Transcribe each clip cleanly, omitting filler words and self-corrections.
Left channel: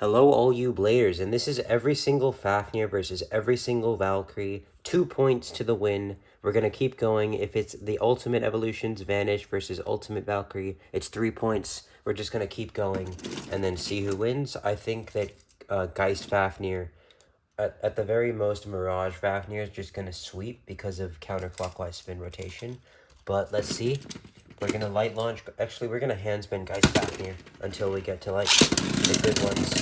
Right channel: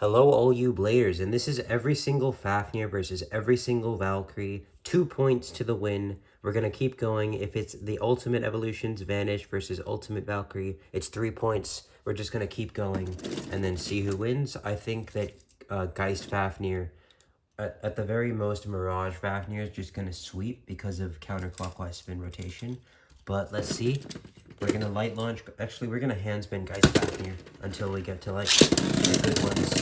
Hello all you Bladers, and this is every single Fafnir versus every single Valkyrie. 2 points to the win. We're going to keep going. If it's the Ultimate Evolutions Vanish versus Ultimate Valkyrie, it's 3 points. We're just going to keep going and then see who wins. I think that Geist Fafnir, at the very most, Mirage Fafnir is just going to sweep because of counterclockwise spin rotation. But let's see. We're going to light launch. Actually, we're going to hand spin Geist Fafnir until we get to like the good ones.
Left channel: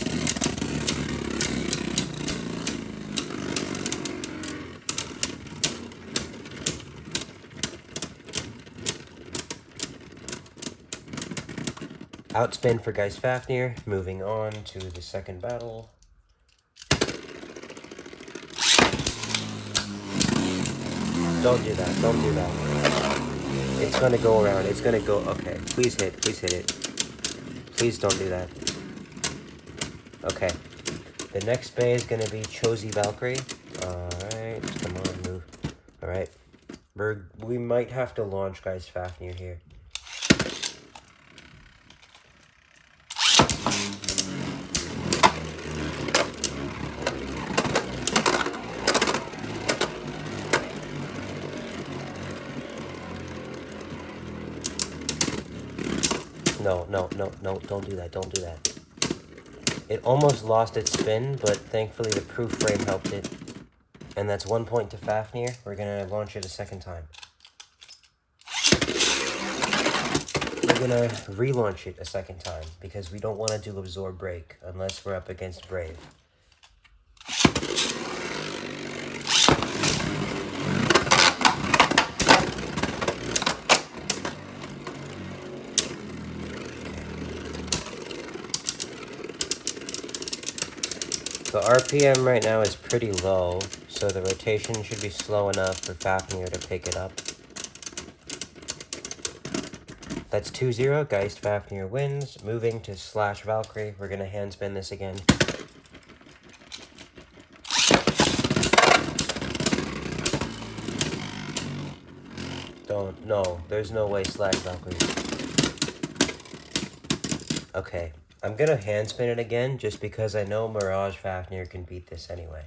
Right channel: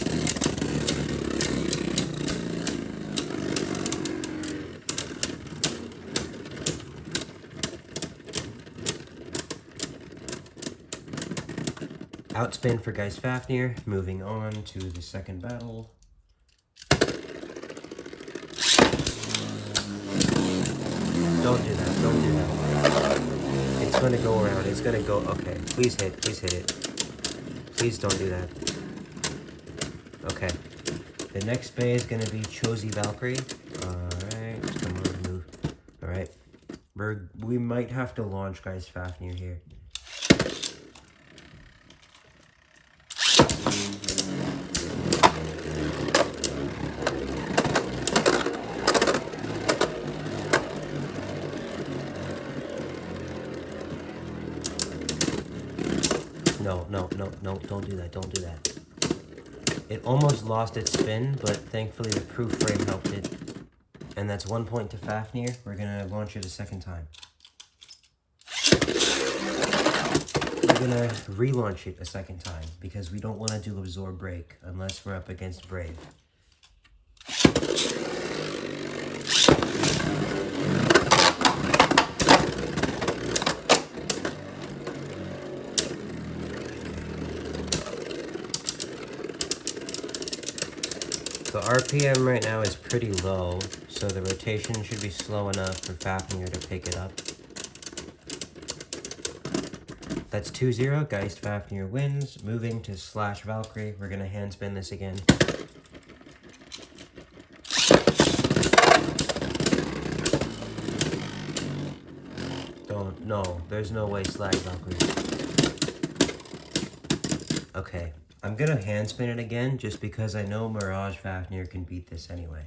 Outspin for Geist Fafnir. Moving on to the second battle. Don't do that. Don't do that. It's going to go around. It's going to go. Okay. Please hit. Please hit it. Please don't do that. Okay. The next bay is going to be Chozy Valkyrie. Alright. Come on, move. Alright. We might have to launch Geist Fafnir here. No, don't do that, don't do that. It almost lost its spin, but thankfully the proof frame helped it. And that's 1 point to Fafnir. We're gonna launch it a second time. We're gonna relaunch it a second time, because we don't want to do Absorb Break, unless we're up against Brave. The RPM right now is pretty low, so the rotation should be slow enough for Fafnir to pick it up. That's 2-0, Geist Fafnir wins. Moving to Slash Valkyrie, we're going to hand spin this again. No, there's no way Slash Valkyrie. Okay. I'm gonna hand spin it again, just because I know Mirage Fafnir can beat this anyway.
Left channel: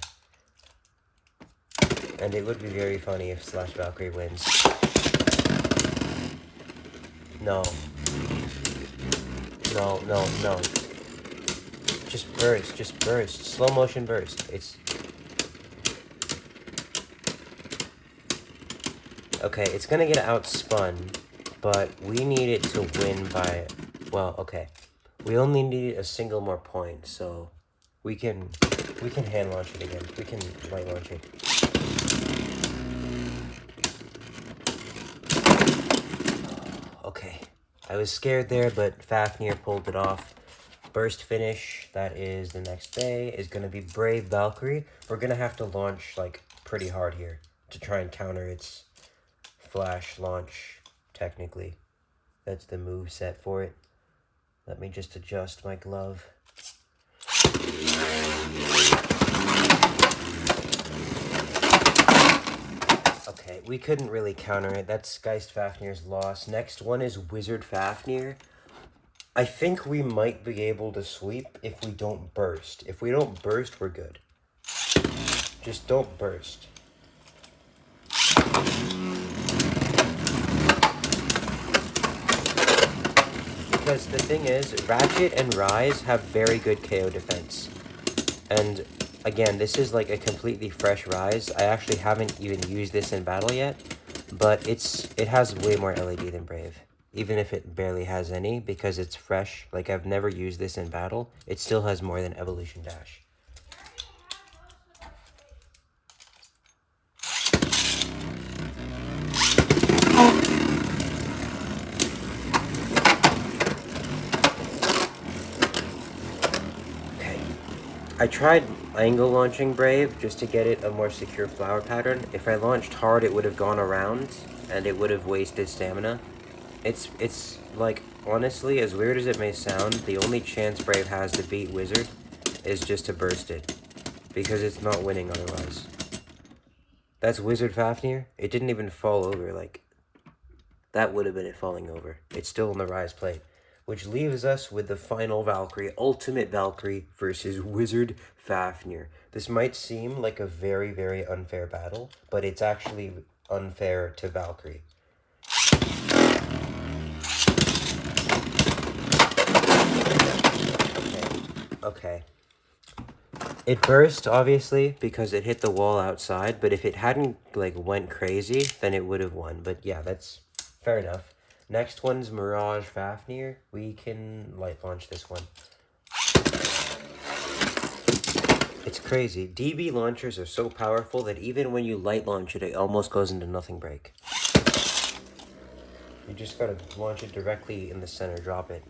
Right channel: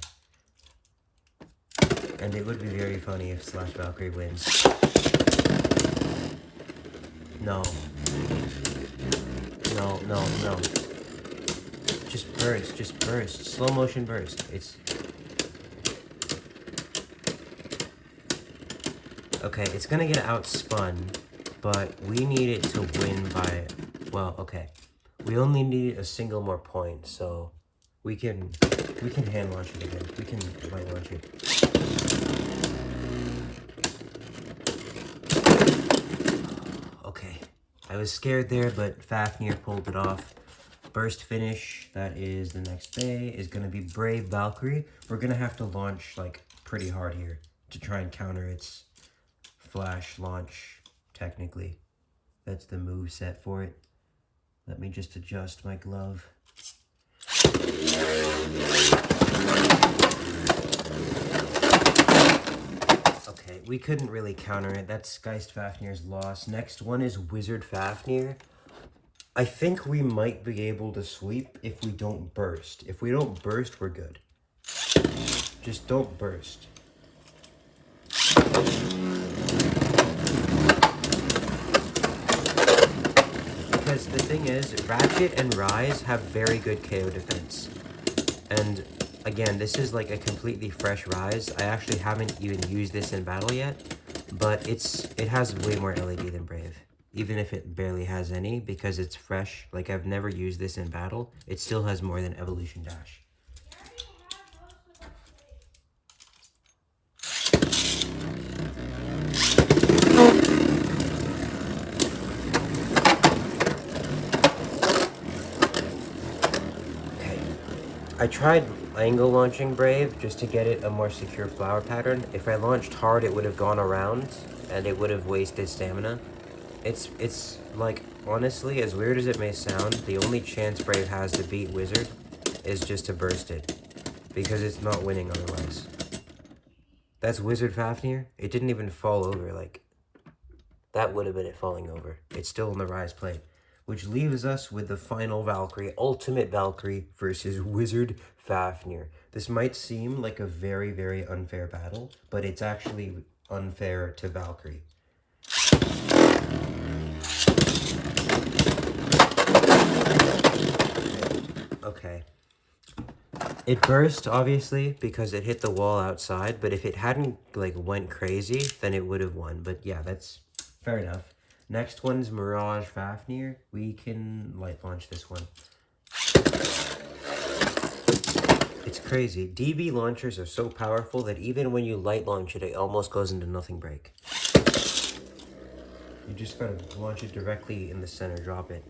And it would be very funny if Slash Valkyrie wins. No. No. Just burst. Slow motion burst. Okay, it's gonna get outspun, but we need it to win by, well, okay. We only need a single more point, so we can hand launch it again. We can light launch it. Okay, I was scared there, but Fafnir pulled it off. Burst finish, that is the next day, is going to be Brave Valkyrie. We're going to have to launch like pretty hard here to try and counter its flash launch, technically. That's the move set for it. Let me just adjust my glove. Okay, we couldn't really counter it. That's Geist Fafnir's loss. Next one is Wizard Fafnir. I think we might be able to sweep if we don't burst. If we don't burst, we're good. Just don't burst. Because the thing is, Ratchet and Rise have very good KO defense. And again, this is like a completely fresh Rise. I actually haven't even used this in battle yet, but it has way more LED than Brave. Even if it barely has any, because it's fresh. Like, I've never used this in battle. It still has more than Evolution Dash. I tried angle launching Brave just to get it a more secure flower pattern. If I launched hard, it would have gone around, and it would have wasted stamina. It's like, honestly, as weird as it may sound, the only chance Brave has to beat Wizard is just to burst it, because it's not winning otherwise. That's Wizard Fafnir. It didn't even fall over, like, that would have been it falling over. It's still in the Rise plate. which leaves us with the final Valkyrie, Ultimate Valkyrie versus Wizard Fafnir. This might seem like a very, very unfair battle, but it's actually unfair to Valkyrie. Okay. It burst, obviously, because it hit the wall outside, but if it hadn't, like, went crazy, then it would have won. But yeah, that's fair enough. Next one's Mirage Fafnir. We can light launch this one. It's crazy. DB launchers are so powerful that even when you light launch it, it almost goes into nothing break. You just gotta launch it directly in the center, drop it.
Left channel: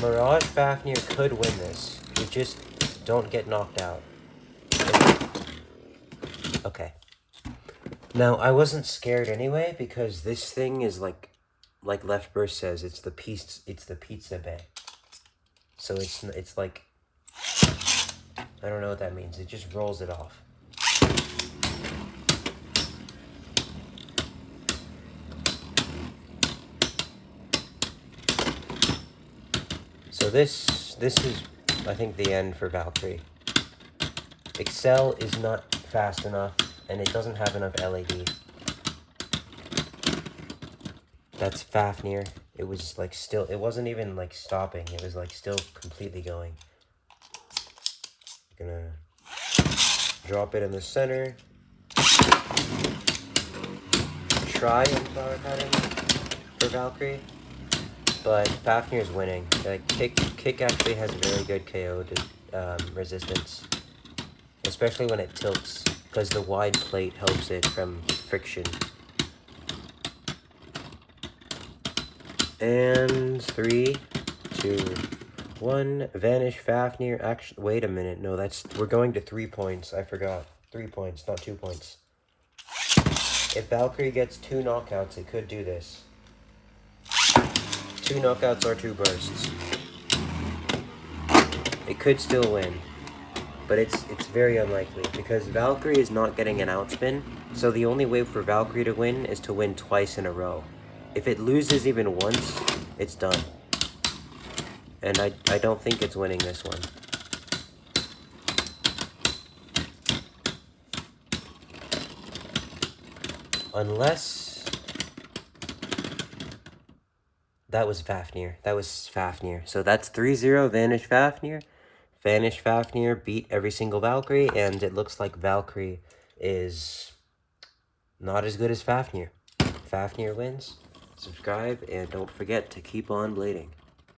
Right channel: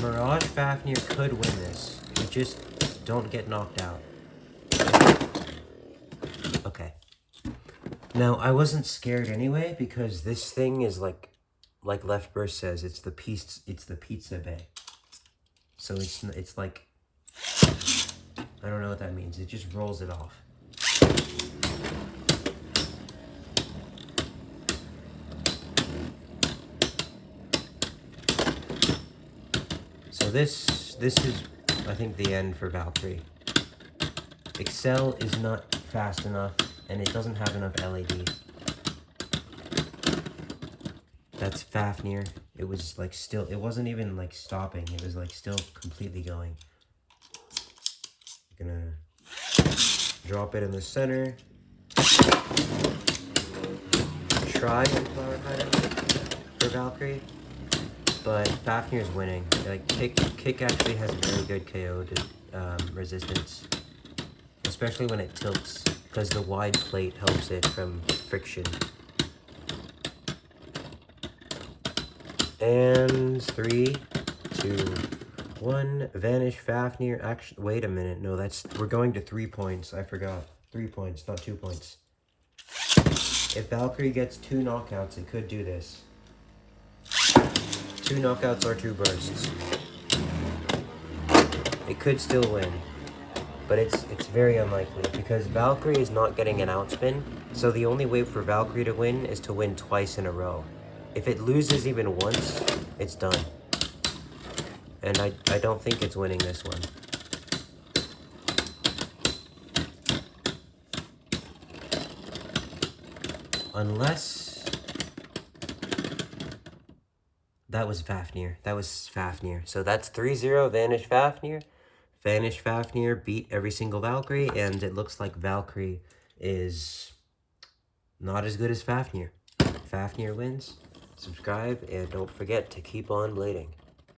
Mirage Fafnir could win this. You just don't get knocked out. Okay. Now, I wasn't scared anyway, because this thing is like Left Burst says, it's the pizza bay. So it's like, I don't know what that means. It just rolls it off. So this is, I think, the end for Valkyrie. Excel is not fast enough, and it doesn't have enough LED. That's Fafnir. It was like still, it wasn't even like stopping. It was like still completely going. I'm gonna drop it in the center. Try to power pattern for Valkyrie, but Fafnir's winning. Like kick actually has a very good KO resistance, especially when it tilts, because the wide plate helps it from friction. And 3, 2, 1. Vanish Fafnir. Actually, wait a minute. No, we're going to 3 points. I forgot. 3 points, not 2 points. If Valkyrie gets 2 knockouts, it could do this. 2 knockouts or 2 bursts. It could still win, but it's very unlikely, because Valkyrie is not getting an outspin, so the only way for Valkyrie to win is to win twice in a row. If it loses even once, it's done. And I don't think it's winning this one. Unless... That was Fafnir. That was Fafnir. So that's 3-0 Vanish Fafnir. Vanish Fafnir beat every single Valkyrie, and it looks like Valkyrie is not as good as Fafnir. Fafnir wins. Subscribe, and don't forget to keep on blading.